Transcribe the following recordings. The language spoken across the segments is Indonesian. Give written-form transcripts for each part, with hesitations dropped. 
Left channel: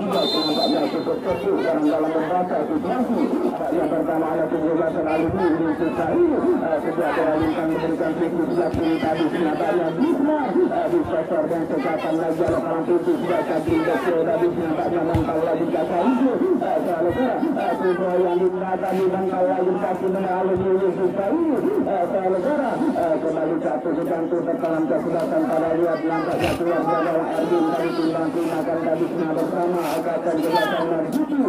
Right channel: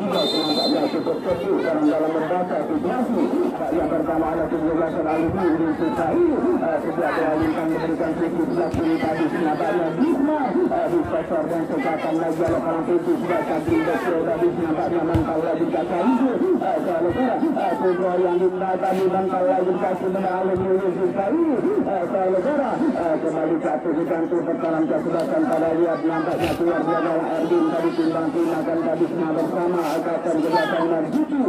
juga nampaknya cukup fokus dalam membaca situasi. Yang pertama ada penjelasan alumni Universitas ini sejak kembalikan memberikan kritik sejak kini tadi nampaknya Bisma di sektor dan kesehatan lagi ada orang kritik sejak tadi dokter tadi nampaknya mengkau lagi kata itu soal kubro yang digunakan di mengkau lagi kasih menang alumni Universitas ini soal kembali satu sekantu pertalan kesebelasan pada lihat nampaknya keluar dari Erdin tadi timbang gunakan tadi semua bersama akan kesehatan Marzuki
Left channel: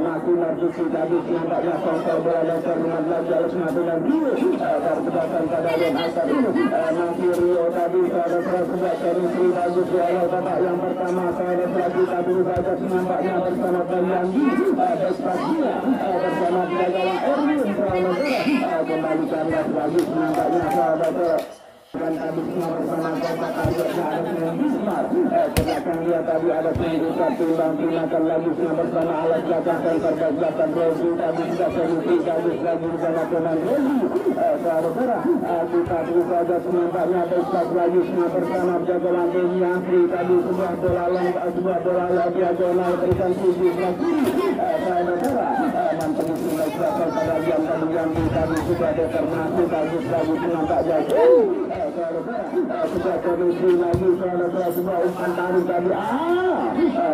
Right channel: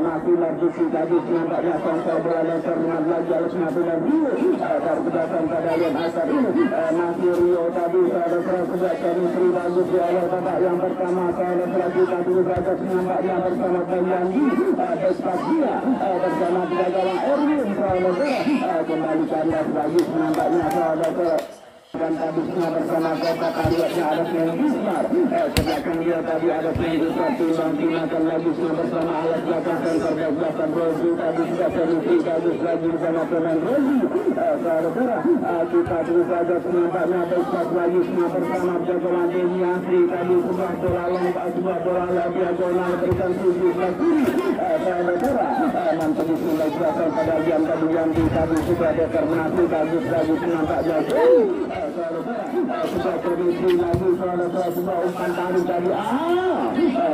masih Marzuki tadi nampaknya kontrol bola dasar dengan lagi oleh Nabilan Rio kesebelasan pada lihat asar ini masih Rio tadi saudara sebelah dari Sri bagus oleh babak yang pertama saudara tadi bagus nampaknya bersama Bayandi Despasia bersama tiga gawang Erwin saudara kembali kandas bagus nampaknya saudara dan tadi bersama kota karyanya ada Bismar sedangkan dia tadi ada pendidikan timbang-timbangkan lagi bersama ayat belakang center belakang Rozi tadi sudah solusi bagus lagi bersama pemain Rozi saudara kita terus saja nampaknya besar lagi bersama jagoan Deni Asri tadi sebuah bola diagonal berikan tujuh lagi saudara mantan sudah belakang pada jam tadi yang tadi sudah determinasi bagus lagi nampaknya sudah kondisi lagi saudara semua umpan tadi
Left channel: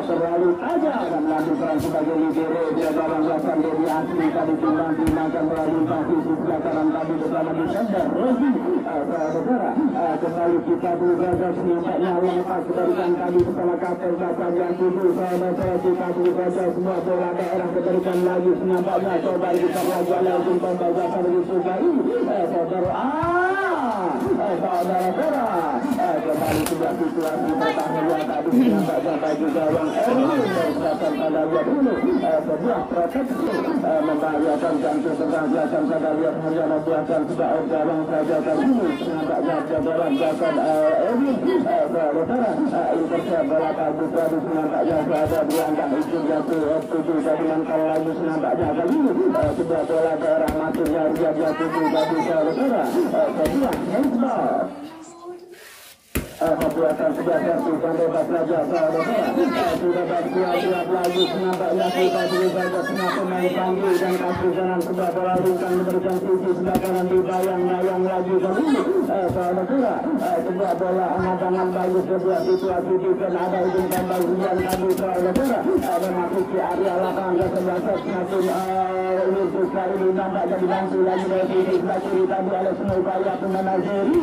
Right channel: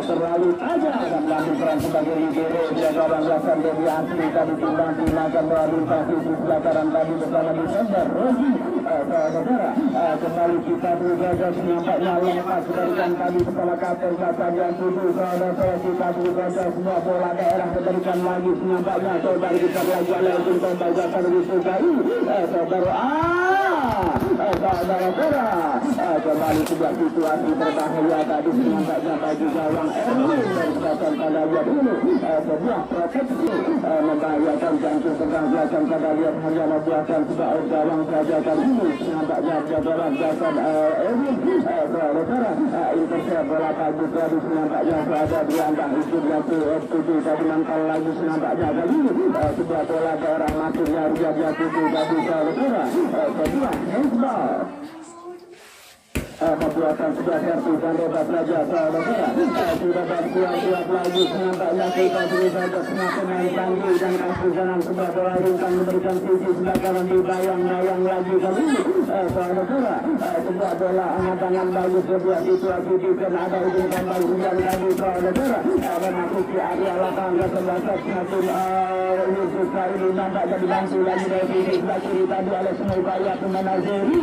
terlalu tajam dan melakukan sebagai libero jaga banggakan dari asli tadi timbang-timbangkan berorientasi di belakang tadi bersama defender Rozi saudara kembali kita berjaga nampaknya lepas diberikan tadi kepala kapal kata yang tujuh saudara kita berjaga semua bola daerah diberikan lagi nampaknya coba kita lagi untuk pembajakan di Sukai saudara saudara kembali sebuah situasi berbahaya tadi nampaknya bagi gawang Erwin dan sedangkan pada lihat dulu sebuah proteksi membahayakan jantung pergangguan pada lihat hanya membuatkan sebuah gawang saja kali ini nampaknya jagoan belakang Erwin saudara intercept bola bagus tadi nampaknya berada di antara ujungnya FPJ tadi nangkal lagi nampaknya kali ini sebuah bola ke arah masuknya Ria Tujuh tadi saudara sebuah handball pembuatan sebelah satu sampai 14 saudara sudah bersiap lagi nampaknya kita sudah setengah pemain panggil dan kasih jalan sebelah bola rungkang memberikan sisi sebelah kanan dibayang-bayang lagi kali ini saudara sebelah bola angan-angan bagus sebuah situasi dan ada ujung tambah hujan tadi saudara ada masuk di area lapangan ke sebelah satu Universitas ini nampaknya dibantu lagi dari sisi sebelah kiri tadi oleh semua upaya pemain Azeri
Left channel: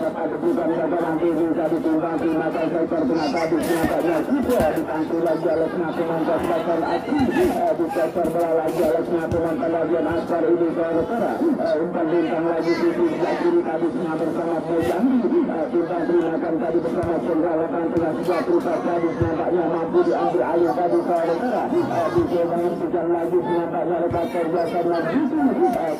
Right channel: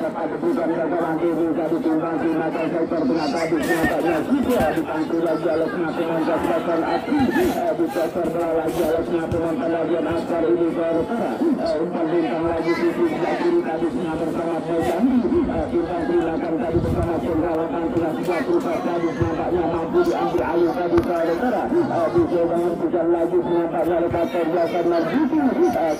tepat bukan gagalan ini tadi timbang-timbangkan sektor tengah tadi nampaknya juga dibantu lagi oleh semua pemain kesebelasan Ati di sektor bola lagi oleh semua pemain pelajaran asar ini saudara umpan bintang lagi sisi sebelah kiri tadi semua bersama Boyandi timbang-timbangkan tadi bersama Cendra lapangan tengah sebelah berubah tadi nampaknya mampu diambil alih tadi saudara di jawaban hujan lagi nampaknya lepas terbiasa lagi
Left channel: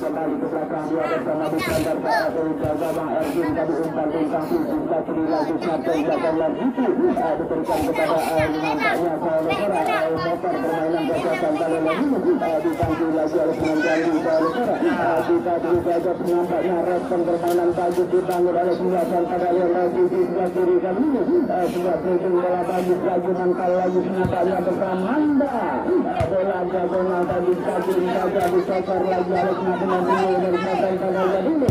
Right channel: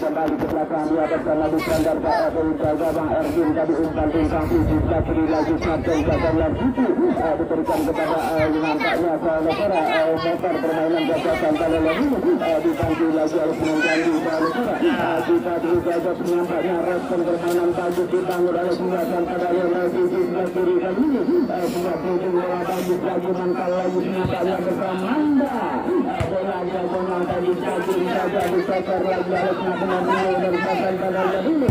kembali ke belakang dia bersama di standar jaga Bang Erwin tadi umpan bintang sisi sebelah kiri lagi sampai jaga lagi diberikan kepada nampaknya saudara motor permainan jajakan kalau lagi dibantu lagi oleh penyanyi saudara kita terus saja nampaknya respon permainan bagus dibangun oleh penjelasan pada yang lagi di sebelah kiri kali ini sudah ujung bola bagus lagi mangkal lagi nampaknya bersama Manda bola jagoan tadi kaki saja di sektor lagi oleh penyanyi dan pasang pada yang ini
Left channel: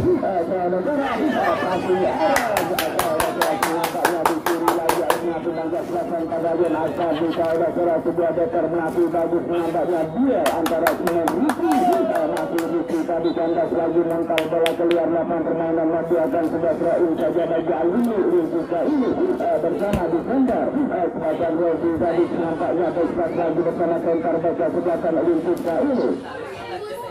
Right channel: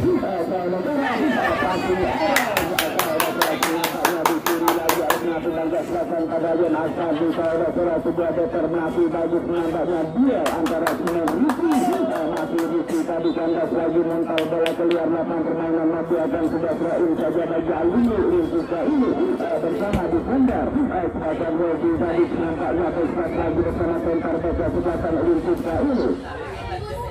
saudara selatan pada yang asal di saudara sebuah determinasi bagus nampaknya dia antara Sinan Riki masih Riki tadi kandas lagi mental bola keluar lapangan permainan masih akan sebuah terakhir saja bagi Alini Rinsuka ini bersama di sender sedangkan Rozi tadi nampaknya besar lagi bersama center baca selatan Rinsuka ini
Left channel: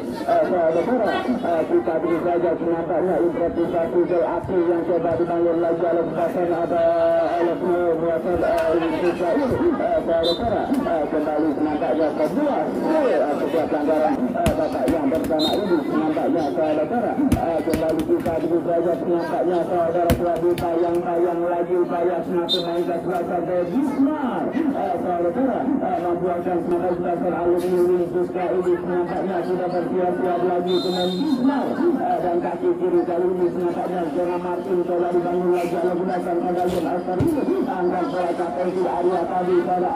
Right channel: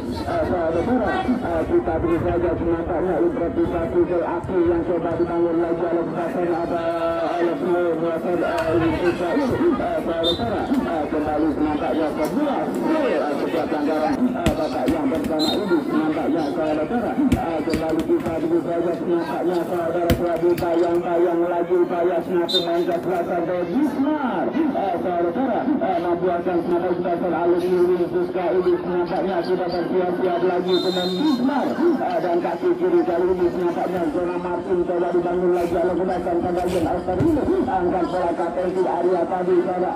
saudara kita beri saja nampaknya improvisasi dari api yang coba dibangun lagi oleh Basen ada oleh semua Indonesia ini saudara kembali nampaknya sebelah sebuah pelanggaran bapak yang bersama ini nampaknya saudara kembali kita beri saja nampaknya saudara Prabu tayang-tayang lagi upaya senapun main ke selatan dari Bismar saudara membuatkan senapun selatan alumni Rinsuka ini nampaknya sudah bersiap-siap lagi pemain Bismar dan kaki kiri kali ini nampaknya zona Martin coba dibangun lagi oleh gunakan kandalian Alstar ini angkat bola kapten di area tadi saudara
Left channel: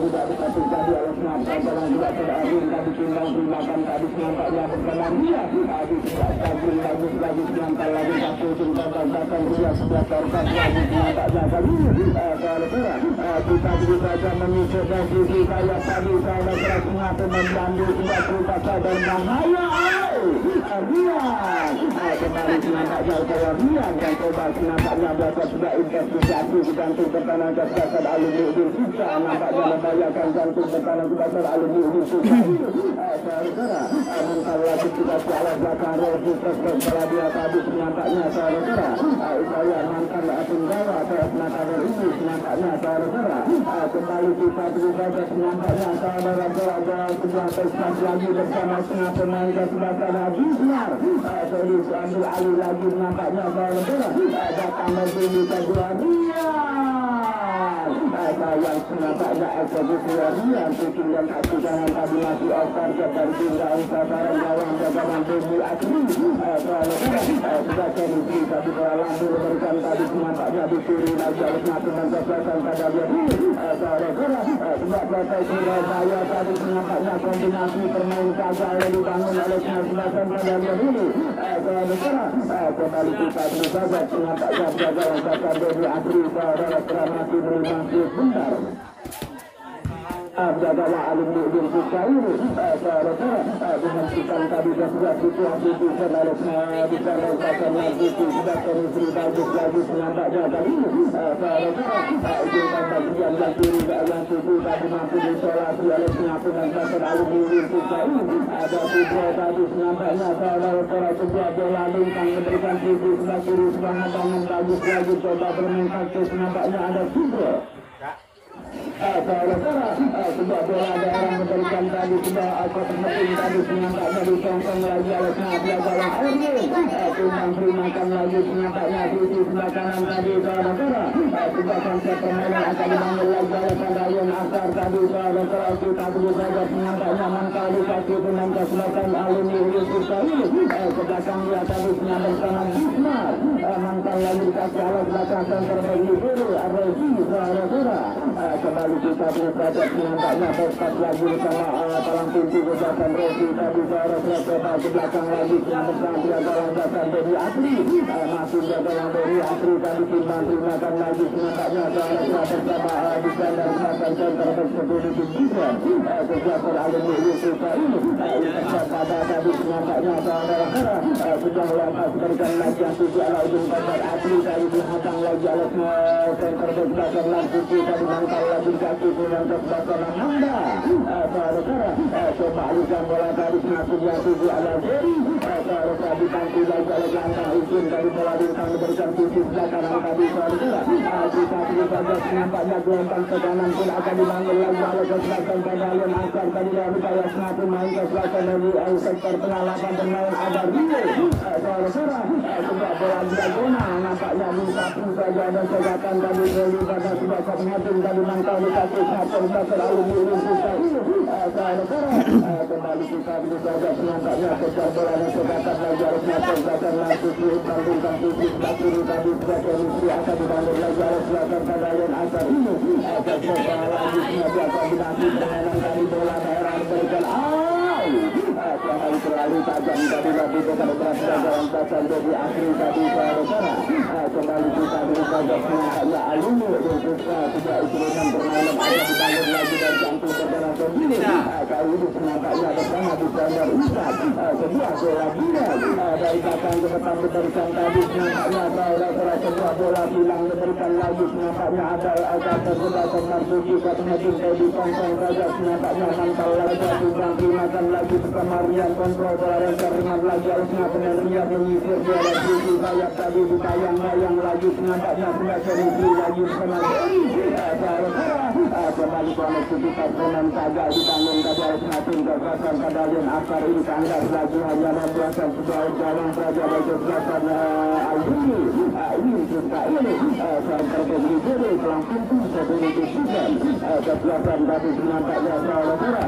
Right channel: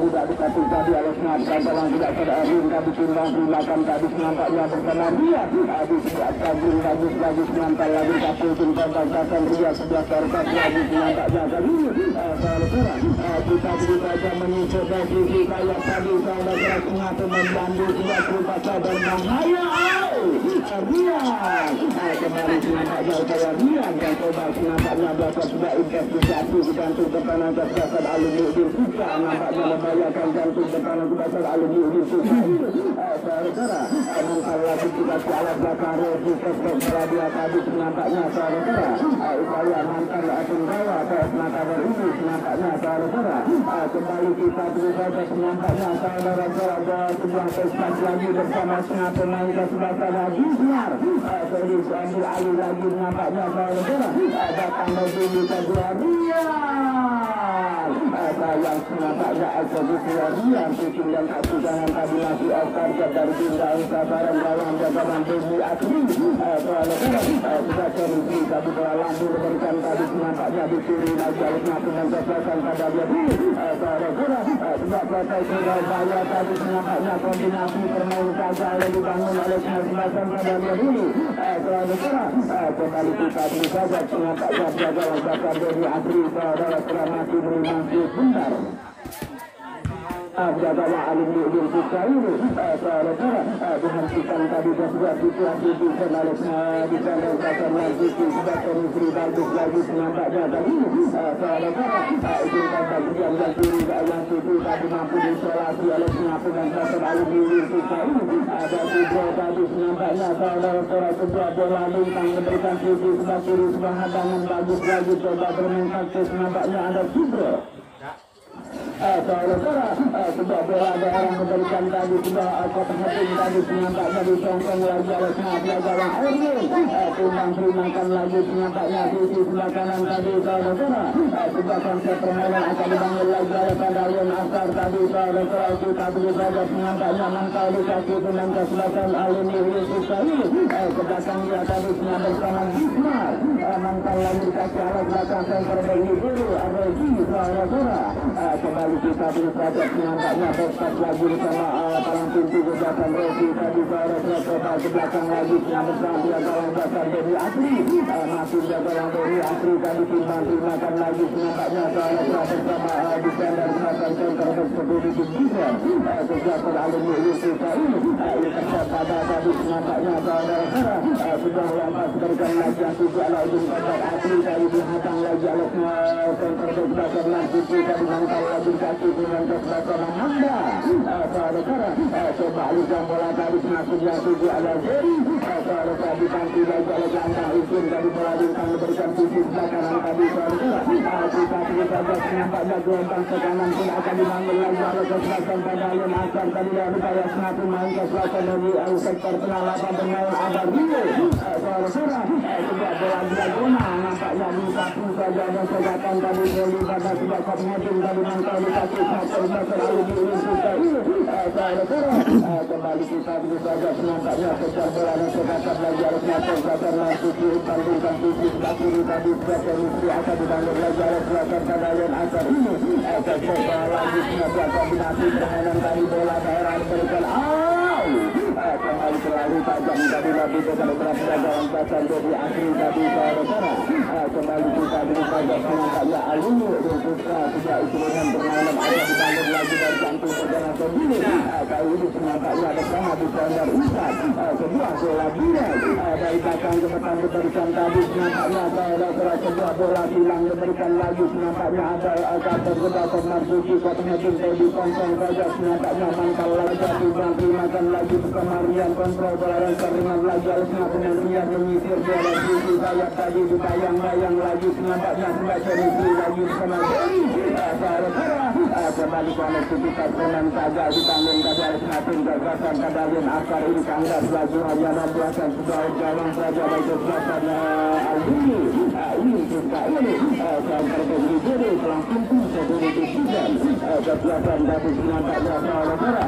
tidak dikasih tadi oleh Senapra Jalan tidak terdaring tadi timbang terimakan tadi senampaknya berkenan dia tadi tidak kagum lagi senampak lagi kasih timbang bangkakan ria sebelah karkat lagi senampaknya tadi kita saja menyusul dari sisi saya tadi saya keras mengapa membantu tidak terpaksa dan bahaya dia kembali senampak jauh saya biar dan coba senampaknya dapat sudah investigasi digantung tekanan kesehatan alumni susah nampaknya membayarkan jantung tekanan kesehatan alumni susah saudara kalau lagi kita salah belakang resi kesehatan dia tadi nampaknya saudara upaya mantan Asinggawa mata ini nampaknya saudara kembali kita berusaha nampaknya saudara sebuah prestasi lagi bersama dengan pemain kesebelasan lagi serius ambil alih lagi nampaknya saudara datang dari kedua dia yang nampaknya eksekusi yang tujuan kaki jangan tadi masih okor dari bintang sabaran dalam jabatan bumi asli sudah terisi tapi dalam diberikan tadi nampaknya dicuri lagi oleh dengan kesehatan pada dia tidak protes Surabaya tadi nampaknya kombinasi permain saja yang dibangun oleh kesehatan pada dia dulu kembali kita berusaha nampaknya jaga jabatan bumi asli saudara masih berlangsung bentar jagalah alumni Indonesia ini dengan kita tadi sudah situasi di sana di sana lagi sudah terisi bagus lagi nampaknya tadi kita bagian lagi yang tujuh tadi mampu disolasi oleh penampungan pasar alumni Indonesia ini ada tiga tadi nampaknya saudara sebuah bola lintang memberikan sisi sebelah kiri sebelah bangun bagus lagi coba bermain taktis nampaknya ada tiga sebuah bola ada orang memberikan tadi sebuah alfa penting tadi senampaknya disongkong lagi oleh senapnya gawang Erwin timbang terimakan lagi senampaknya sisi sebelah kanan tadi saudara sebuah konsep permainan akan dibangun lagi oleh Pagalion Asar tadi saudara kita berusaha senampaknya mangkal di kaki pemain kesebelasan alumni Yusuf ini kedatangan dia tadi senampaknya mangkal lagi kaki arah belakang center bagi dulu ada ini saudara kembali kita berusaha nampaknya berkat lagi bersama palang pintu ke belakang resi tadi saudara ke belakang lagi bersama belakang belakang dari asli masih belakang dari asli tadi timbang terimakan lagi nampaknya saudara bersama di sana belakang center bersebut di juga kesehatan alumni Yusuf ini pada tadi nampaknya saudara sudah lama berikan lagi yang tidak lagi kabar asli tadi dihatang lagi oleh center belakang lagi kita dimangkal lagi kaki dengan kesebelasan Anda saudara coba lihat bola tadi semakinnya tujuh ala jari saudara tadi tangki lagi oleh jangan izin dari bola diberikan sisi belakang tadi saudara kita nampaknya gelombang tegangan pun akan dibangun lagi oleh kesebelasan Pagalion Asar tadi dari upaya semakin main kesebelasan dari sektor pengawasan pengawas ada Rio saudara sebuah bola diagonal nampaknya bisa saja ada segatan tadi dari pada sudah semakin dari mangkal di kaki pasar alumni Indonesia ini saudara kembali kita berusaha nampaknya kejar bola dan segatan lagi oleh pasar langsung dibandingkan sisi sebelah kiri tadi sudah terisi akan dibangun lagi oleh belakang Pagalion Asar ini kejar lagi sebagai kombinasi permainan tadi bola daerah diberikan kembali selalu tajam tadi lebih ke beberapa dalam pasal dari asli tadi saudara kembali kita berusaha nampaknya alumni Indonesia tidak istilahkan permainan akan dibangun lagi dari jantung saudara sendiri kali ini nampaknya bersama di sana Ustaz sebuah bola bila dari belakang ke depan diberikan tadi nampaknya saudara sebuah bola hilang diberikan lagi nampaknya ada agak terjebak Marzuki katanya tinggal di kongkong raja nampaknya mantap lagi timbang terimakan lagi bersama Rian kontrol bola yang terlihat lagi oleh dengan Rian menyisir bola sisi sayap tadi ditayang-layang lagi nampaknya sudah terisi lagi bersama kembali oleh kita pemain kagak dibangun kagak semakin gagasan Pagalion Asar ini kandas lagi hanya membuatkan sebuah gawang saja bagi gagasan alumni ini kita ini sampai ke sini pelang pintu sebelum disusun kesiapan tadi nampaknya saudara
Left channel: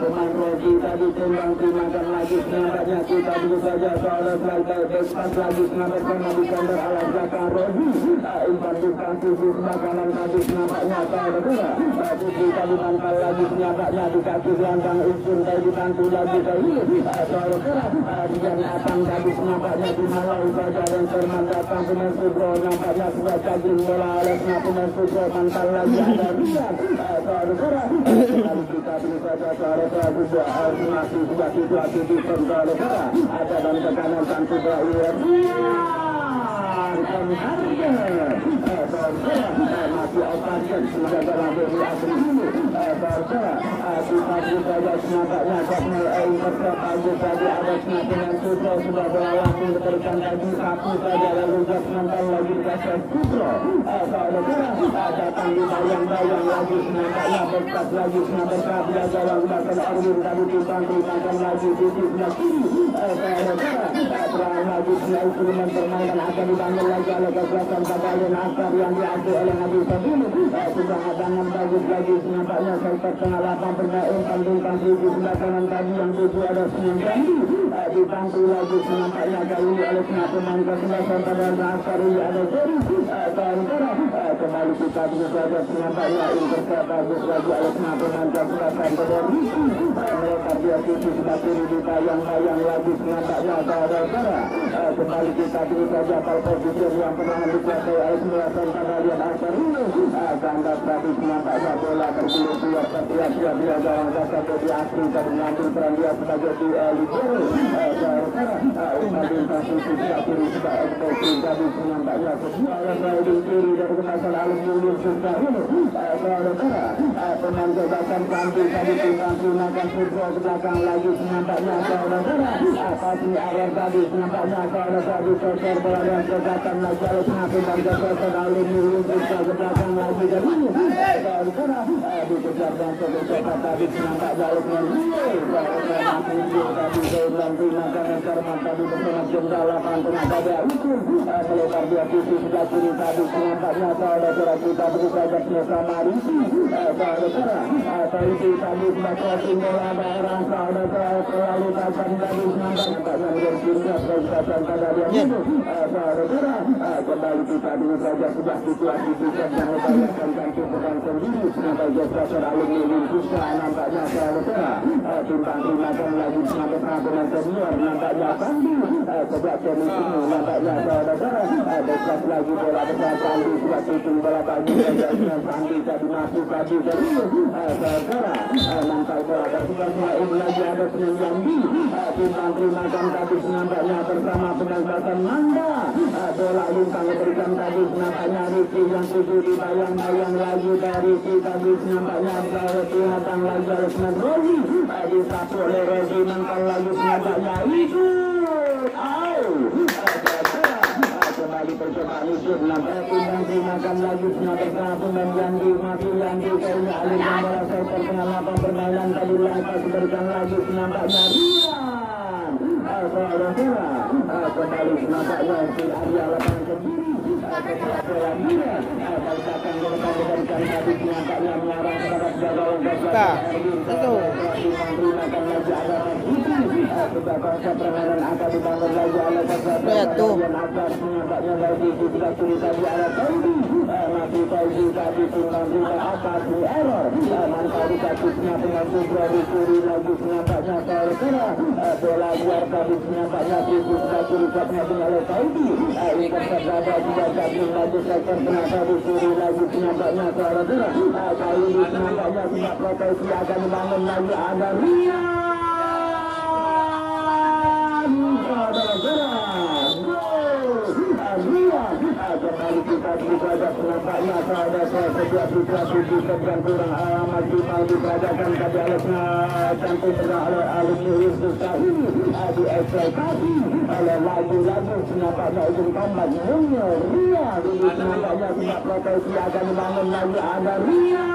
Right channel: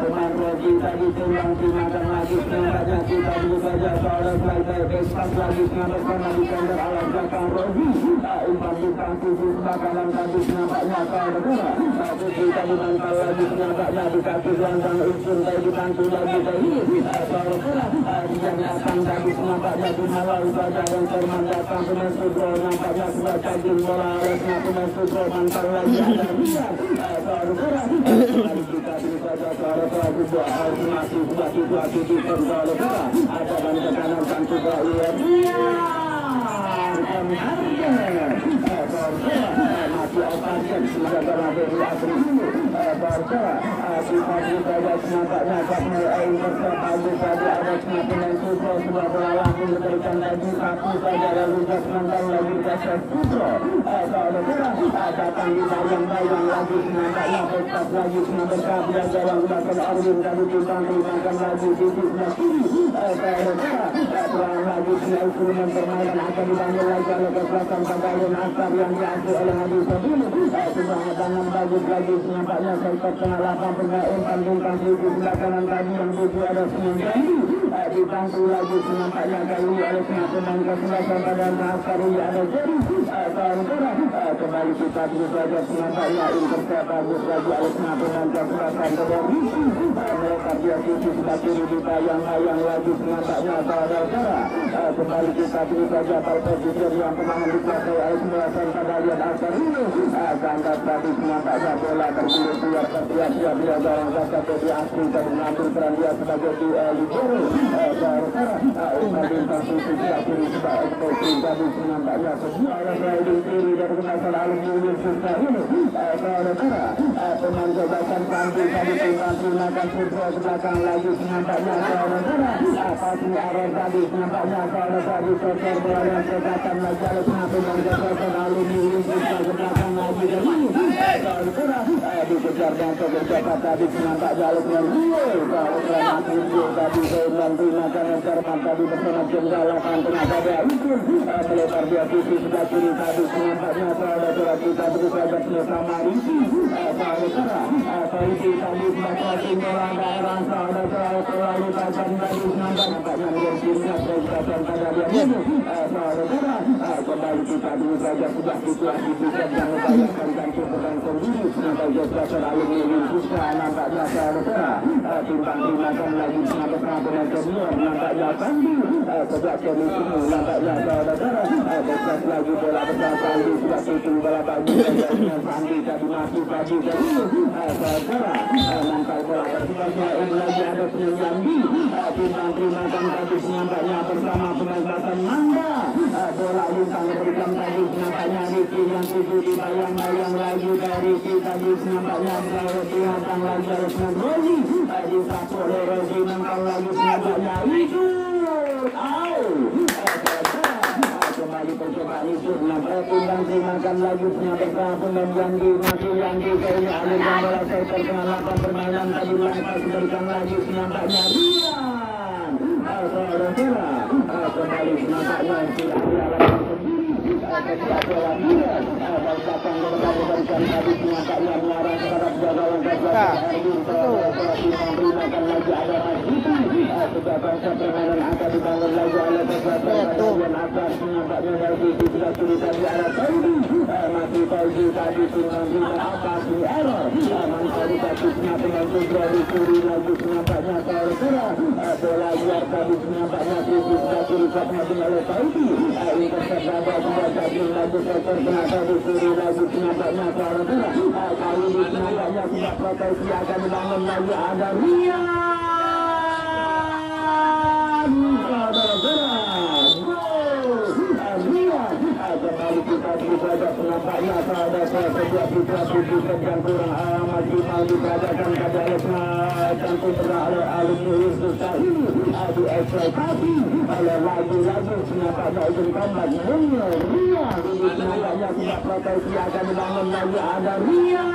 pemain lagi tadi timbang terimakan lagi nampaknya kita dulu saja saudara selesai besar lagi bersama di kandang alat belakang Robi umpan di pangsi di belakang tadi nampaknya saudara Putri tadi mantap lagi nampaknya di kaki gelanggang Usun tadi dibantu lagi tadi yang akan tadi nampaknya di malau saja yang termandatkan pemain Sugro nampaknya sudah caging bola olehnya pemain Sugro mantap lagi ada lihat kita ini saja saudara juga masih buat situasi di kontrol ada dan tekanan kan sudah lihat masih akan sudah dalam dari asli nampaknya karena air pagi ada semakin sudah berlalang memberikan lagi satu saja lalu nanti lagi kasar datang di bayang-bayang lagi nampaknya berkat lagi berkat dia jalan belakang Arwin tadi timbang-timbangkan lagi di sebelah kiri perang lagi instrumen permainan akan dibangun lagi oleh kekuatan Padayan Akbar yang diambil oleh Haji Fadil sudah bangun bagus lagi nampaknya sempat pengalaman pemain tandingkan di sebelah kanan tadi yang tujuh ada 9 dibantu lagi nampaknya kali oleh pemain kesebelasan Padayan Akbar ada kembali kita juga nampaknya intercept bagus lagi oleh pemain kesebelasan Padayan mereka dia tujuh sebelah kiri dibayang-bayang lagi nampaknya kembali kita dulu saja pada posisi yang kemenangan dicapai oleh Padayan Akbar ini ganda tadi nampaknya bola terpilih siap-siap dia gawang kata di asli dan mengambilkan dia sebagai di libero posisi siap ini sudah ekspresi tadi nampaknya sesuai di kiri dari masalah aluminium surga ini pemain jabatan Panti tadi tinggal Sudro ke belakang lagi nampaknya pasti akhir tadi nampaknya tadi sosor bola yang jabatan Najar pemain jabatan aluminium surga ke belakang lagi dikejar dan keberjabat tadi nampak jalur yang tadi saya menggunakan yang cermat tadi bersama jenderal akan tenaga dia itu melebar dia sisi sebelah kiri tadi nampaknya saudara kita beri saja bersama Risi Risi tadi baca tinggalan daerah saudara terlalu tajam tadi nampaknya menjadinya pergerakan pada dia itu saudara kembali kita dulu saja sudah situasi yang membayangkan kan sendiri sampai geser aluminium susah nampaknya saudara timbang-timbangkan lagi sampai dengan senior nampaknya Sandi sejak seni ini nampaknya saudara besar lagi bola besar Sandi sudah tutup bola bagi Sandi tadi masuk tadi saudara mantap bola bersama yang lagi ada Penyambi timbang-timbangkan tadi nampaknya bersama penegasan Nanda bola bintang berikan tadi nampaknya Riki yang tujuh dibayang-bayang lagi dari kita di nampaknya berarti datang lagi harus ngebroli di satu oleh Regi mentang lagi nampaknya itu kembali percobaan itu nampaknya timbang-timbangkan lagi bersama pemain yang di kayaknya alih yang merasa perkenalapan permainan tadi lepas berikan lagi nampaknya kembali nampaknya si ahli alaman sendiri ketua dia bangsakan kemudian tadi nampaknya mengarah terhadap gawang Erwin menggunakan lagi ada Rasuti sudah konsep permainan akan dibangun lagi oleh Padayan Akbar nampaknya lagi di sebelah kiri tadi ada Tauji masih Tauji tadi tinggal atas di error mantap dikasihnya dengan Sugro di kiri lagi nampaknya saudara bola luar tadi nampaknya di sebelah kiri tadi oleh Tauji ini konsep sudah jadi lagi sektor kenapa di kiri lagi nampaknya saudara kali ini nampaknya tidak proteksi akan dibangun lagi ada Rian kembali kita juga penampaknya pada setiap situasi yang kurang amat diadakan pada tentu oleh alumni Susah ini diekspektasi oleh lagi-lagi nampaknya izin kombat Ria ini nampaknya tidak proteksi akan dibangun lagi ada Ria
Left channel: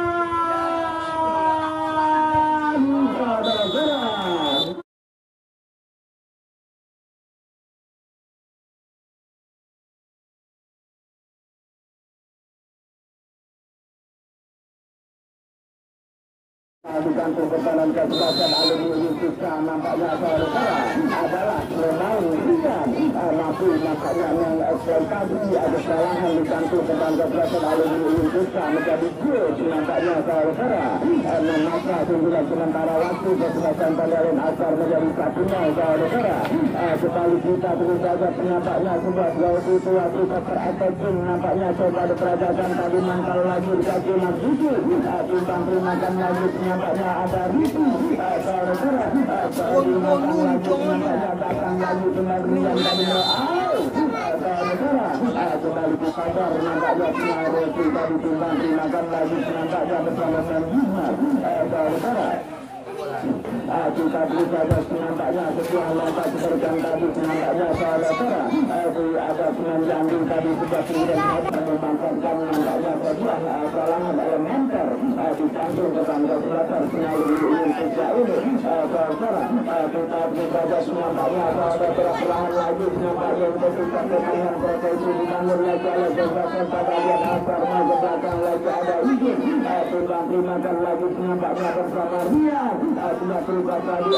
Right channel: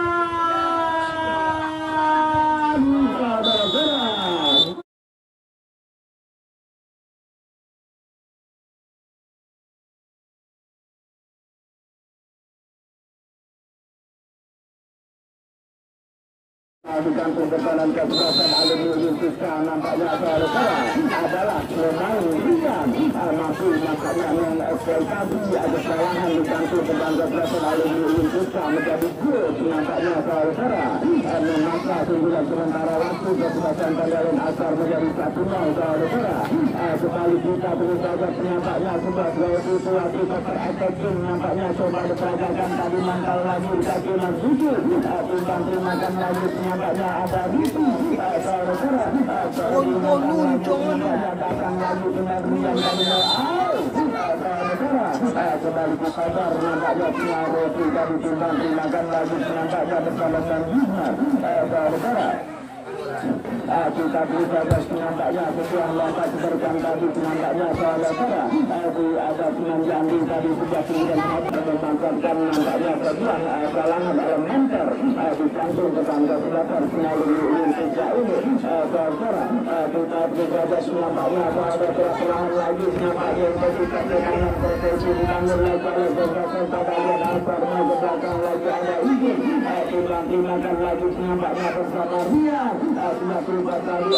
di kantung berbalan ke belakang aluminium kita nampaknya adalah Ronaldo Ikan masih nampaknya yang ekspektasi ada kesalahan di kantung berbalan ke belakang aluminium kita menjadi gol nampaknya saudara menambah sembilan sementara waktu kesempatan pelayanan asal menjadi 1-0 saudara kembali kita terus saja nampaknya sebuah situasi efektif nampaknya coba diperagakan tadi mantau lagi di kaki yang tujuh timbang terimakan lagi nampaknya ada itu kembali disadar nampaknya pengaruh kita ditimbang terimakan lagi nampaknya bersama kita berjaga nampaknya sesuai lompat seperti tadi nampaknya saudara ada penanjang tadi sudah kemudian membangkitkan nampaknya sebuah kalangan elementer di kantung tetangga selatan melalui sejak ini saudara kita berjaga nampaknya ada serangan lagi nampaknya positif dengan proteksi dibangun lagi oleh beberapa bagian akar mengejarkan lagi ada izin timbang-timbangkan lagi nampaknya bersama dia sudah berubah tadi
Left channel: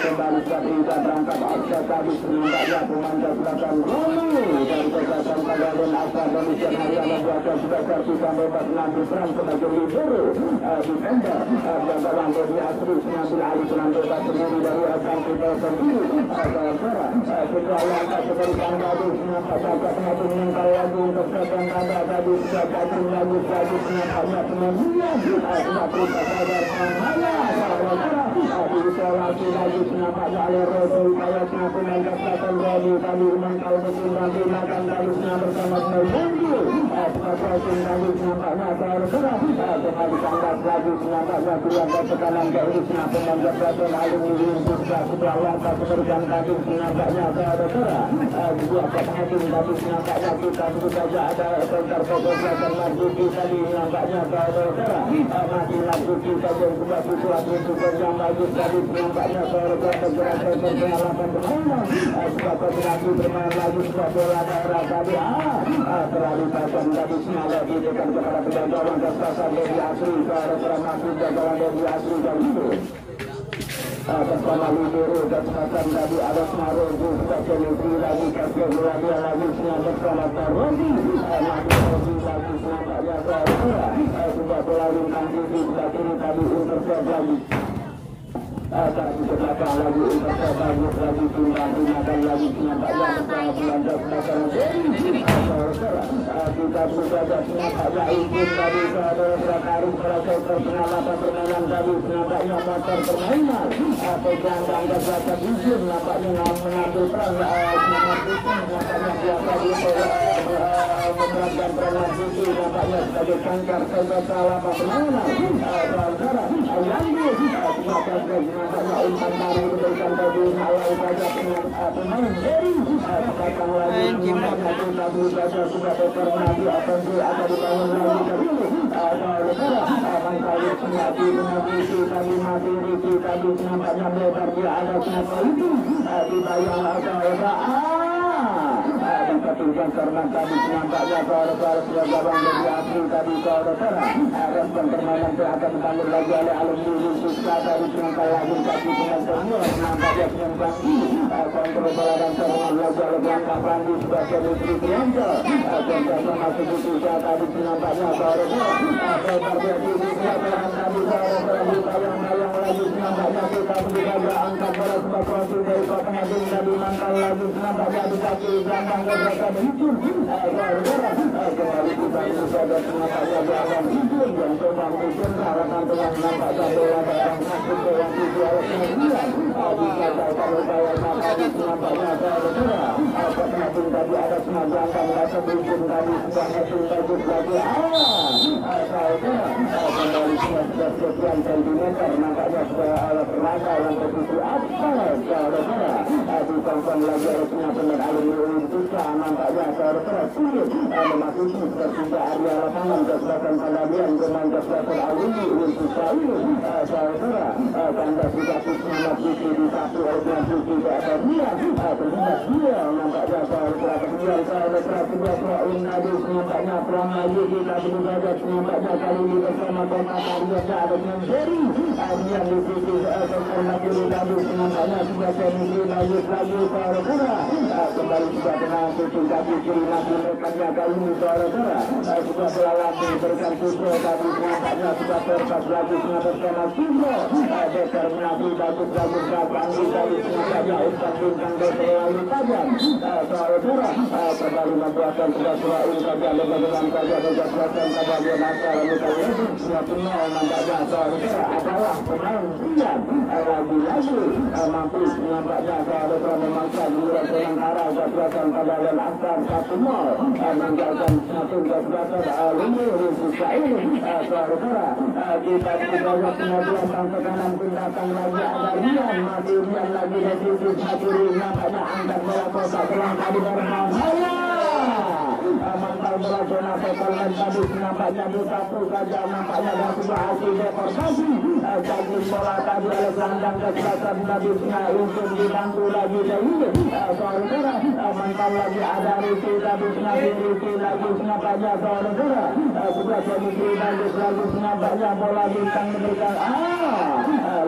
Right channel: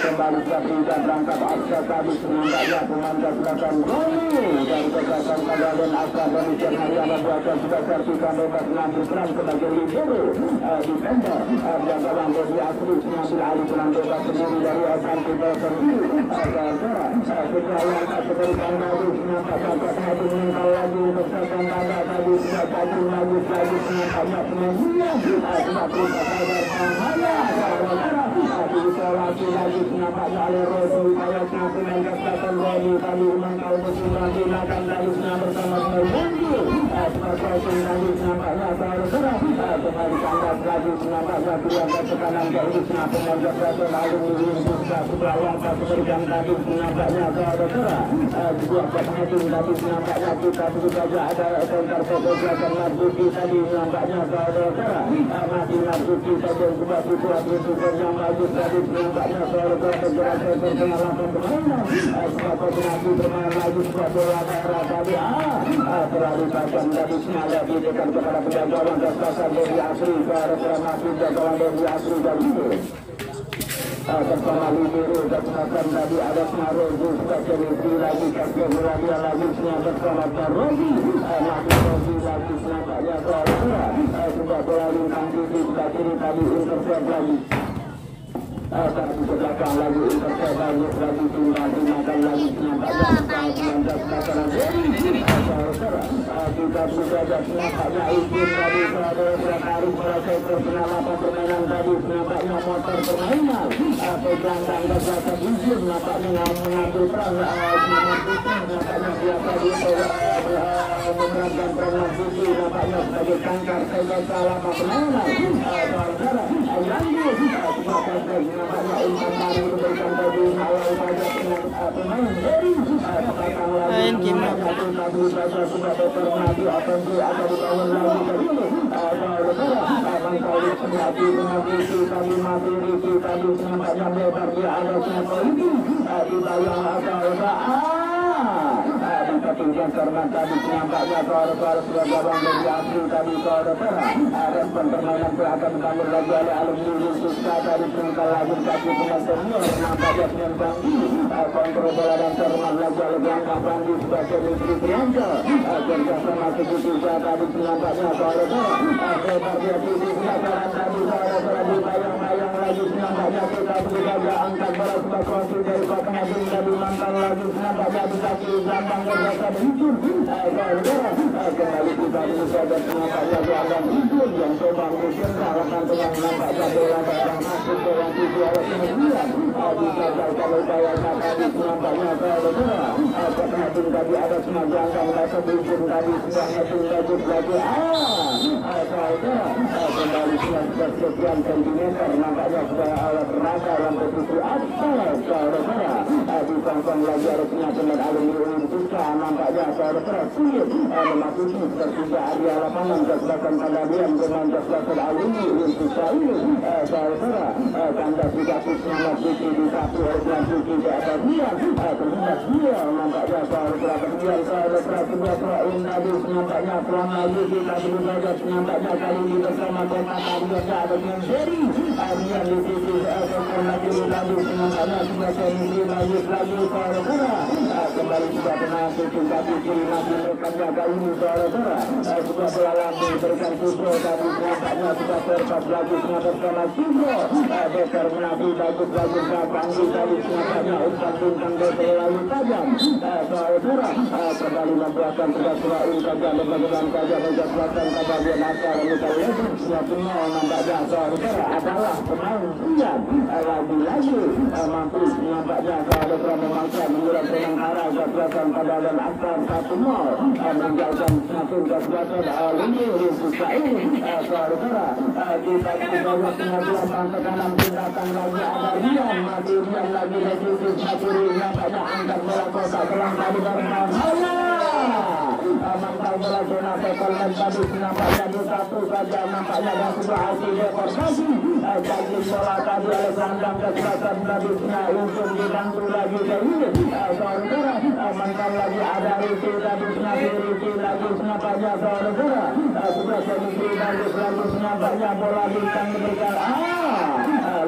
kembali kita berangkat aksa tadi nampaknya penanda belakang dan kejahatan pegawai aksa dari Jernaya membuatkan spesiasikan bebas nanti peran sebagai libero di kandang dan dalam bodi asli mengambil alih peran bebas sendiri dari asal kita sendiri setelah yang seberikan lagi nampaknya katanya itu meninggal lagi bersama tanda tadi sudah cacing lagi nampaknya penyanyian sudah berubah isolasi lagi nampaknya oleh Rodi kayak penampilan kesehatan Rodi tadi memantau betul lagi makan galusnya bersama Melbondi seperti lagi nampaknya saudara kembali tangkap lagi nampaknya keluarga tekanan garis penampilan kesehatan aluminium juga sudah wafat seberikan tadi nampaknya saudara juga kehatin tadi nampaknya kita sebut saja ada kontar fotografer Nabuti tadi nampaknya saudara masih Nabuti saja sebuah situasi yang bagus tadi nampaknya saudara pergerakan pergerakan permainan sebagai penanti bermain lagi sebagai latar tadi telah diberikan tadi senada diberikan kepada penjajaran kesehatan dari asli saudara masih jagoan dari asli dan itu bersama libero dan semacam tadi ada Snarozi sebagai libero lagi kajian melalui lagi bersama Snarozi nanti Snarozi lagi nampaknya saudara sudah melalui nanti sebagai tadi intercept lagi tadi belakang lagi intercept banyak lagi timbang-timbangkan lagi nampaknya bersama kita sudah nampaknya izin tadi saudara hari proses perkenalan permainan tadi nampaknya motor permainan pegang tangga jatuh izin nampaknya mengambil peran nampaknya biasa dia memerankan peran sisi nampaknya sebagai kanker senjata lama permainan saudara yang sebagai nampaknya umpan dari memberikan tadi awal saja pemain dari tadi saja sudah terjadi apa dia akan dibangun lagi dulu kali penati mengisi tadi mati Riki tadi nampaknya lebar dia ada kenapa ini dibayang ada ketinggian karena tadi nampaknya suara-suara sudah jabang dari asli tadi saudara respon permainan itu akan dibangun lagi oleh alumni Suska tadi penangkal lagi kaki penonton nampaknya penyembang kontrol bola dan serangan lagi oleh Bangka Bandi sebagai Rizky Pianto dan termasuk juga tadi nampaknya saudara lebar dia di belakang tadi saudara dibayang-bayang lagi nampaknya kita berjaga angkat bola sebagai konsul dari Pak Nadine tadi mantau lagi nampaknya di kaki belakang dan hijau kembali kita ini sobat nampaknya jalan hijau yang coba mungkin harapan telah nampaknya bola datang masuk ke yang tujuh harusnya bulan disampaikan upaya nampaknya saudara Nadine tadi ada semajangkan rasa bikin tadi sebanyak lanjut lagi saudara kembali sekian sentimeter nampaknya sudah alat rasa yang bertuju atas saudara ditonton lagi harusnya benar aluminium kita nampaknya saudara sulit memasuki pertiga area lapangan kesempatan Palladian dengan kesempatan Alini Indonesia ini saudara tanda tiga semangat Diki di satu dengan Diki di atas dia terlihat dia nampaknya saudara kemudian saudara kedua Proin Nadi nampaknya peluang lagi kita belum saja nampaknya kali ini bersama Kompas Arya ada yang seri Arya di sisi lagi nampaknya sudah seri lagi saudara kembali sudah kena tingkat kiri lagi rekannya kali ini saudara sudah berlalu berikan Putro tadi nampaknya sudah terpas lagi mengataskan Putro Bekar menadi bagus Panggi tadi nampaknya umpan bintang terlalu tajam saudara kembali membuatkan sudah Proin saja berbagian saja berjatuhkan kepada Nasar Mutal Lebu 2-0 nampaknya saudara adalah pemain Rian lagi-lagi mampu nampaknya saudara memainkan Murat Renggara jatuhkan pada dan Asar 1-0 meninggalkan satu jatuhkan Alini Rizka ini saudara kita juga pengajuan bangsa kanan tindakan lagi ada Rian mati Rian lagi dari sisi kiri nampaknya angkat bola kotak serang tadi mantau bola zona sekolah tadi nampaknya satu saja nampaknya dan sudah hasil deportasi jadi bola tadi oleh gelandang kesempatan tadi untuk dibantu lagi ini saudara mantau lagi ada Riki tadi Riki lagi nampaknya saudara sudah jadi lagi nampaknya bola bintang diberikan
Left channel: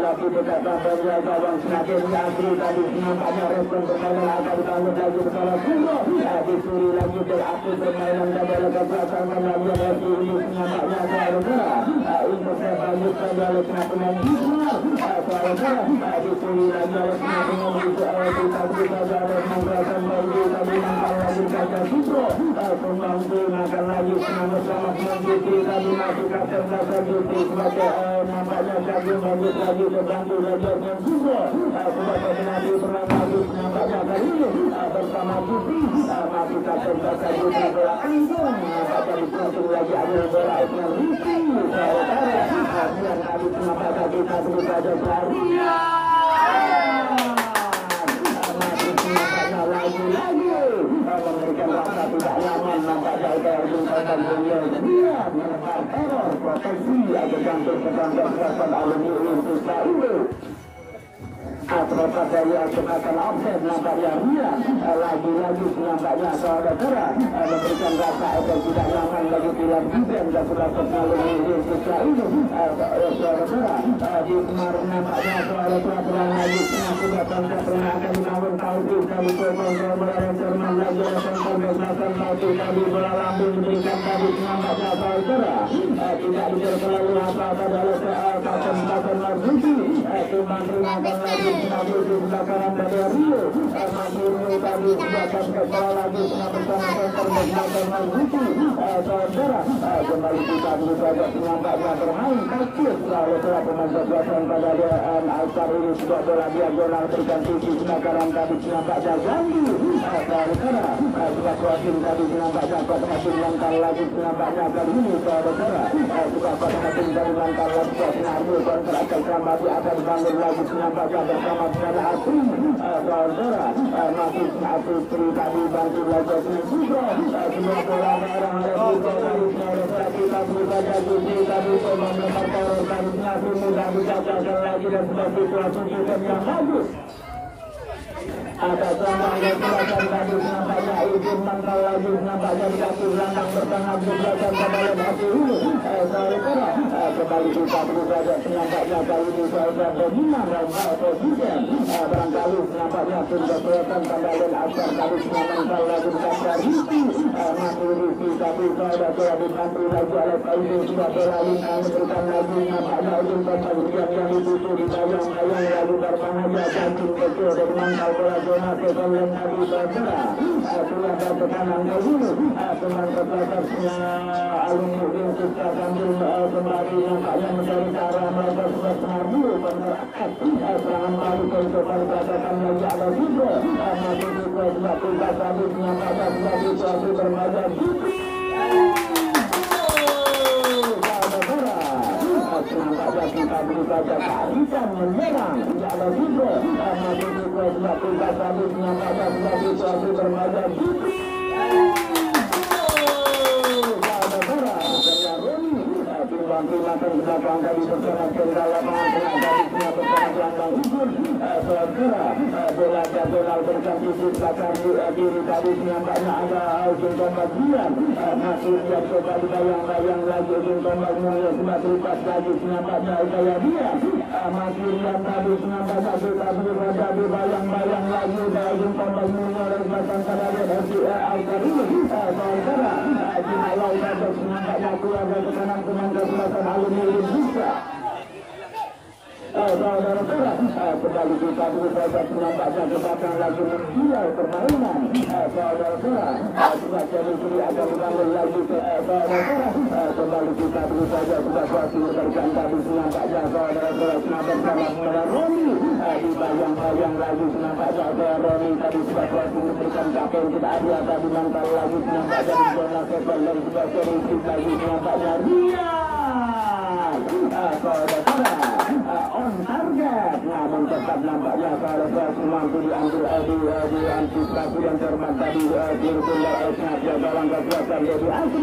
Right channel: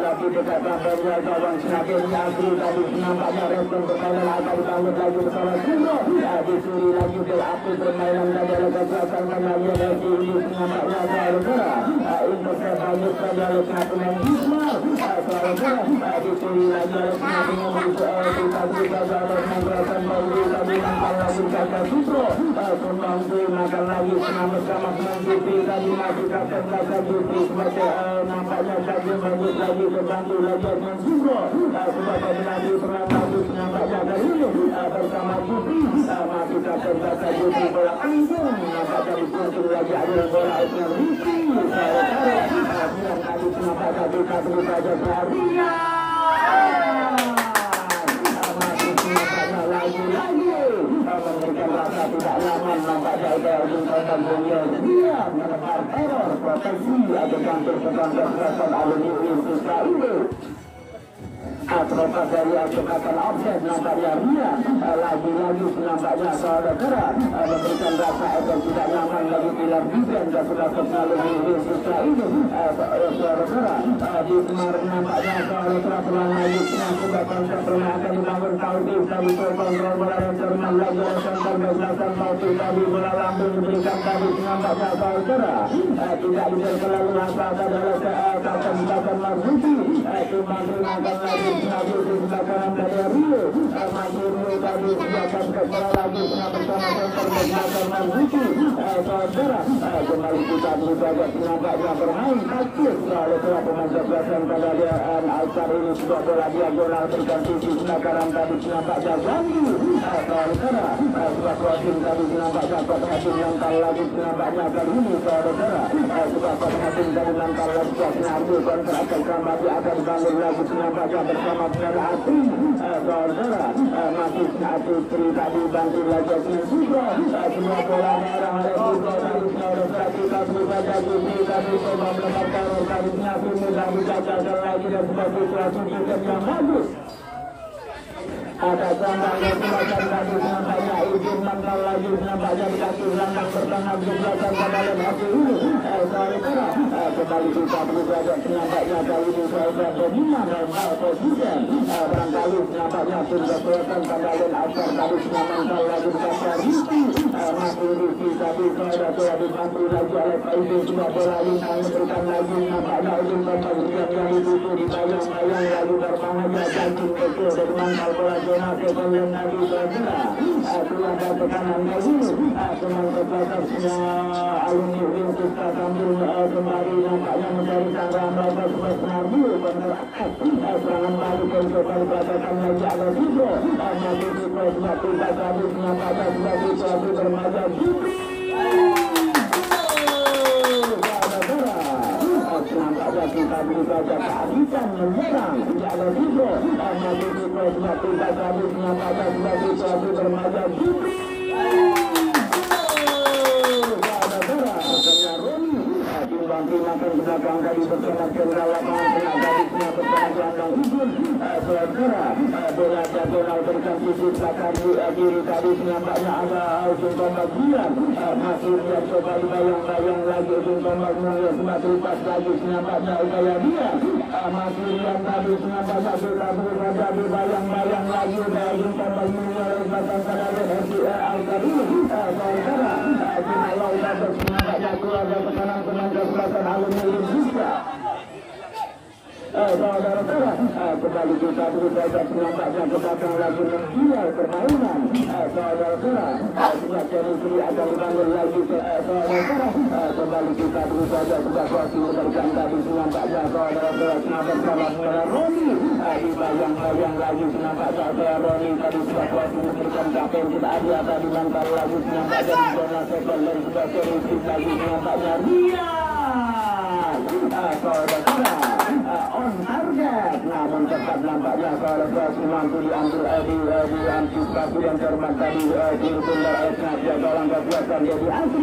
lagi dekat dari gawang semakin lagi tadi nampaknya respon permainan akan kalah lagi bersama Puro dicuri lagi berarti permainan dari kekuatan mengalir lagi ini nampaknya saudara ini sebanyak pada lepas pemain saudara dicuri lagi lepas pemain kita harus menggunakan mobil tadi nampak lagi kata Puro pembantu makan lagi bersama pembantu tadi masih kata Juti sebagai nampaknya lagi bagus lagi terbantu lagi dengan Puro sebagai lagi pemain bagus nampaknya kali ini bersama Juti masih kata Juti bola anggun nampak dari Juti lagi ada bola dengan Riki saudara tadi nampaknya kita sebut saja Jaria memberikan rasa tidak nyaman nampaknya dari bintang beliau dia menekan error proteksi agar campur pertandingan respon Alini Indonesia ini terlepas dari kecepatan offset nampaknya Rian lagi-lagi nampaknya saudara memberikan rasa agar tidak nyaman bagi pilihan Bidan dan sudah terlalu Indonesia ini saudara di kemarin nampaknya saudara pernah lagi sudah pernah akan dibangun Saudi dari Pokok bola Jerman lagi sampai bebasan Saudi tadi bola lambung diberikan tadi nampaknya saudara tidak terlalu masalah adalah kata Marzuki teman-teman lagi Nabi di belakang dari Rio Rio tadi siapkan bola lagi bersama center belakang Marzuki saudara kembali kita juga nampaknya bermain aktif lalu telah pengajaran pada dia Aisyah ini sudah bola diagonal berikan tinggi belakang tadi nampaknya ganti saudara sudah kuatin tadi nampaknya kuatin langkah lagi nampaknya kali ini saudara sudah kuatin dari langkah lagi Nabi kontrak kembali akan bangun lagi nampaknya bersama Piala Asri saudara masih satu Tri tadi bantu lagi dengan Putro semua bola merah oleh Putro tadi saudara kita saja Juti tadi melemparkan tadi Nabi mudah dicatatkan lagi dan sebuah situasi yang bagus atas langkah belakang tadi nampaknya izin langkah lagi nampaknya dikasih langkah pertengah di belakang pada lokasi ini saudara kembali kita belajar nampaknya kali ini saudara dominan dan posisi barangkali nampaknya sudah kelihatan pada asal tadi nampaknya lagi dikasih Riki masih Riki tapi saudara dibantu lagi oleh itu sudah berlari memberikan lagi nampaknya izin pemberian yang dibutuh di bayang-bayang lalu berbahagia jantung kecil dengan bola zona sekolah Nabi Badra aturan dan tekanan kali dengan kepatasnya Alini Indonesia sambil kembali nampaknya mencari cara melakukan sebuah Nabi menerapkan serangan balik untuk dikatakan lagi ada Putro Nabi Putro sebab tugas habis nampaknya sebab situasi bermazhab Putri nampaknya kita beribadah kehabisan menyerang tidak ada Putro Nabi Putro sebab tugas habis nampaknya sebab situasi bermazhab Putri nanti makan di belakang dari bersama jenderal lapangan tengah dari semua bersama jangkang izin saudara bola diagonal berikan sisi belakang kiri tadi nampaknya ada ujung tombak bulan masih lihat coba bayang-bayang lagi ujung tombak mulai semakin pas lagi nampaknya upaya dia masih lihat tadi nampaknya bola jadi bayang-bayang lagi ujung tombak mulai belakang pada Al-Qari saudara jika lautan bersemangatnya keluar dari tekanan penangkap belakang alumni Indonesia saudara-saudara kembali kita berusaha nampaknya kita lagi menjual permainan saudara-saudara sebagai musri akan dibangun lagi saudara-saudara kembali kita berusaha sebagai memberikan tadi nampaknya saudara-saudara bersama Muara Roni dibayang-bayang lagi nampaknya Muara Roni tadi sebagai memberikan kapten kita ada tadi nampaknya lagi nampaknya di zona sepel dan sebagai musri lagi nampaknya saudara-saudara on target namun tetap nampaknya kalau mampu diambil diantisipasi dan termat tadi dirukunda sengaja kawan kekuatan dari asli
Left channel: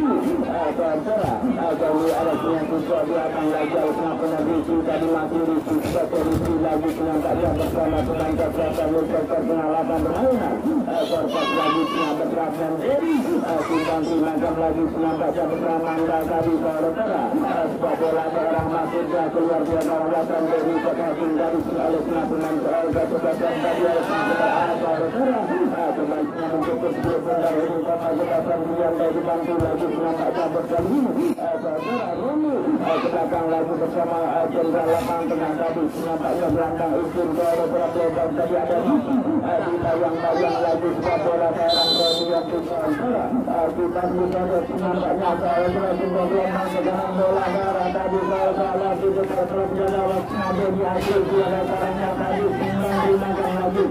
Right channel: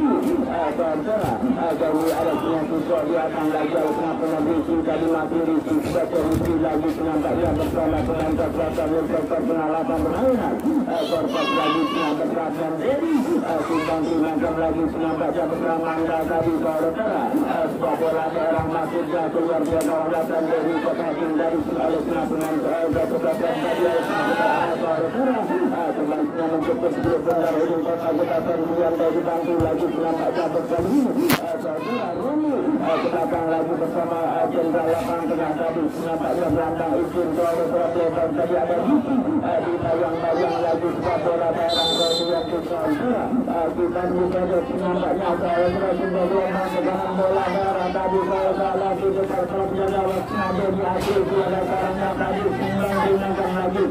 saudara jadi ada susah dia akan lagi kenapa berisi tadi masih berisi sebagai berisi lagi nampaknya bersama pemain kekuatan dan perkenalapan permainan korpos lagi bersama dari simpang sinagam lagi nampaknya bersama anda tadi saudara sebagai daerah masuknya keluar dia kawasan dari pekating dari sebaliknya pemain keluarga kekuatan tadi sebaliknya mencukup grup benar ini kekuatan yang dari dibantu lagi nampaknya berkali saudara Rumi kenapa lagi bersama jenderal lapangan tengah tadi nampaknya gelandang izin saudara tadi ada di bayang-bayang lagi sebagai daerah yang saudara kita juga nampaknya saudara sebagai dengan bola darah tadi saudara di dekat perjalanan waktu ada di akhir ada yang tadi digunakan lagi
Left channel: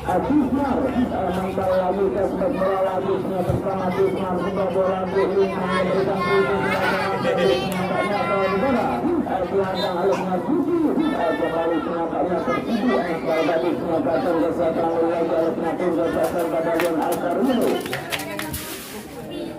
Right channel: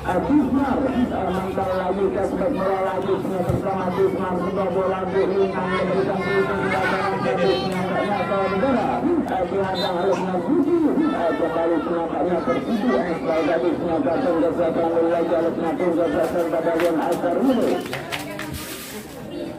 Adismar membawa lagi ke sebagai bola lagi bersama Adismar sebuah bola di lingkungan yang ditanggung dari nampaknya saudara dihantam oleh Nabuji kembali nampaknya tertidu sebagai tadi nampaknya kesehatan lagi oleh nampaknya kesehatan bagian Al-Qaruni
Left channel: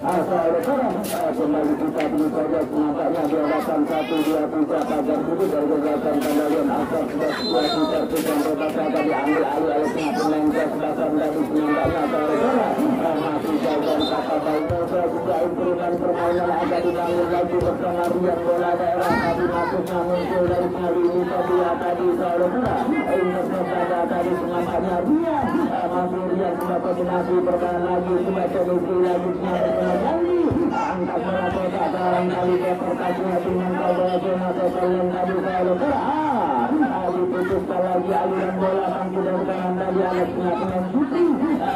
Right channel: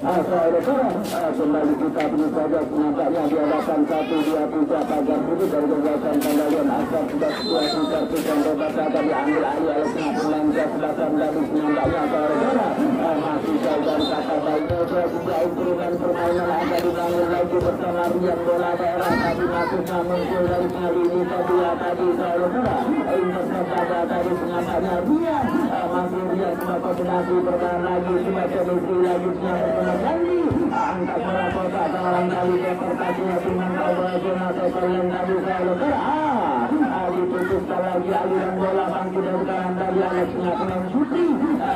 saudara kembali kita berusaha nampaknya di hadapan 1-2-3 pagar putih dari kegiatan kendalian asap sudah situasi tertikan tobat akan diambil alih oleh pemain belakang dari nampaknya saudara masih jauh dari kata baiknya juga instrumen permainan akan dibangun lagi bersama Rian bola daerah tadi masuknya muncul dari ini tadi saudara ini bersama tadi nampaknya Rian masih Rian sudah kombinasi permainan lagi semacam itu lagi angkat bola kota dalam kali deportasinya dengan bola jenazah kalian tadi saudara diputuskan lagi aliran bola bangkit dari kanan tadi Alexnya pemain shooting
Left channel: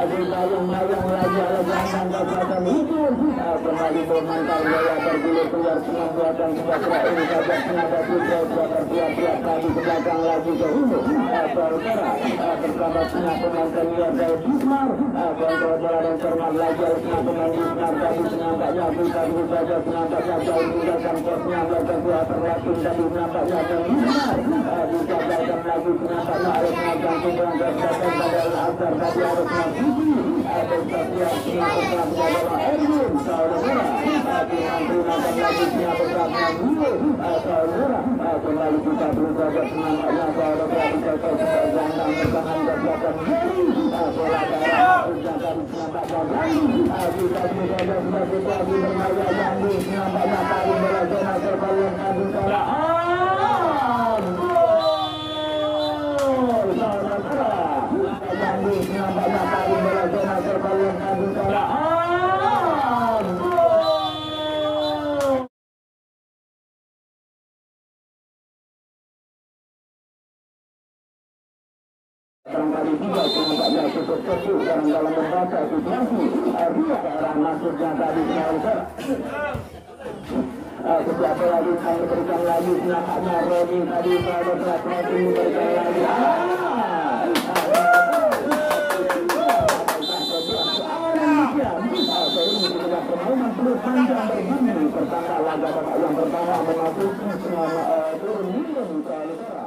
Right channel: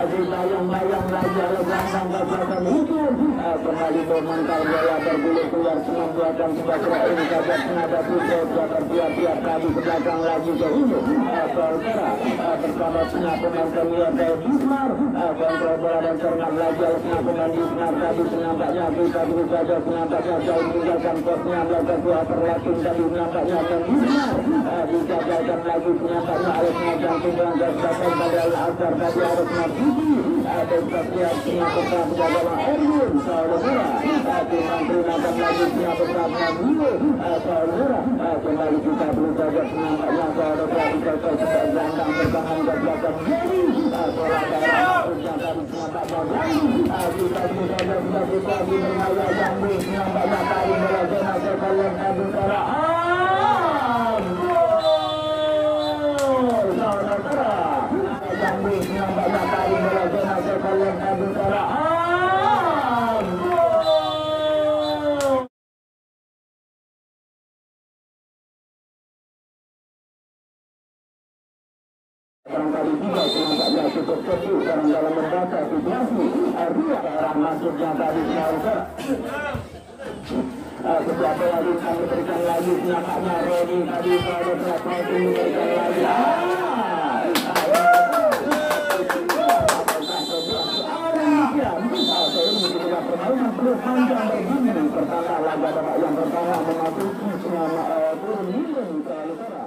dibayang-bayang lagi oleh gelandang kekuatan itu kembali mementar bola tergilir keluar dengan buatan sebagai ini saja senada juga bertiap-tiap tadi ke belakang lagi ke Indo saudara bersama pemain premier dari Bismar kontrol bola dan cermat lagi oleh pemain Bismar tadi nampaknya bisa berusaha nampaknya jauh meninggalkan posnya melakukan dua perlatin tadi nampaknya dan Bismar dijagalkan lagi nampaknya oleh pengajar tunggang kesehatan pada Al-Azhar tadi harus Nabuji dan setiap setengah bersama menjaga Erwin saudara terima lagi setengah bersama Nabuji saudara kembali kita berusaha nampaknya saudara bisa sebagai gelandang bertahan dan belakang jadi bola daerah ujian nampaknya jadi kita berusaha sebagai tadi bermaya yang nampaknya tadi bola zona terkalian tadi bola barangkali juga nampaknya cukup fokus dalam membaca situasi daerah masuknya tadi saudara setelah bola kami berikan lagi nampaknya Rodi tadi saudara tadi memberikan lagi yang pertama memasuki turun turun saudara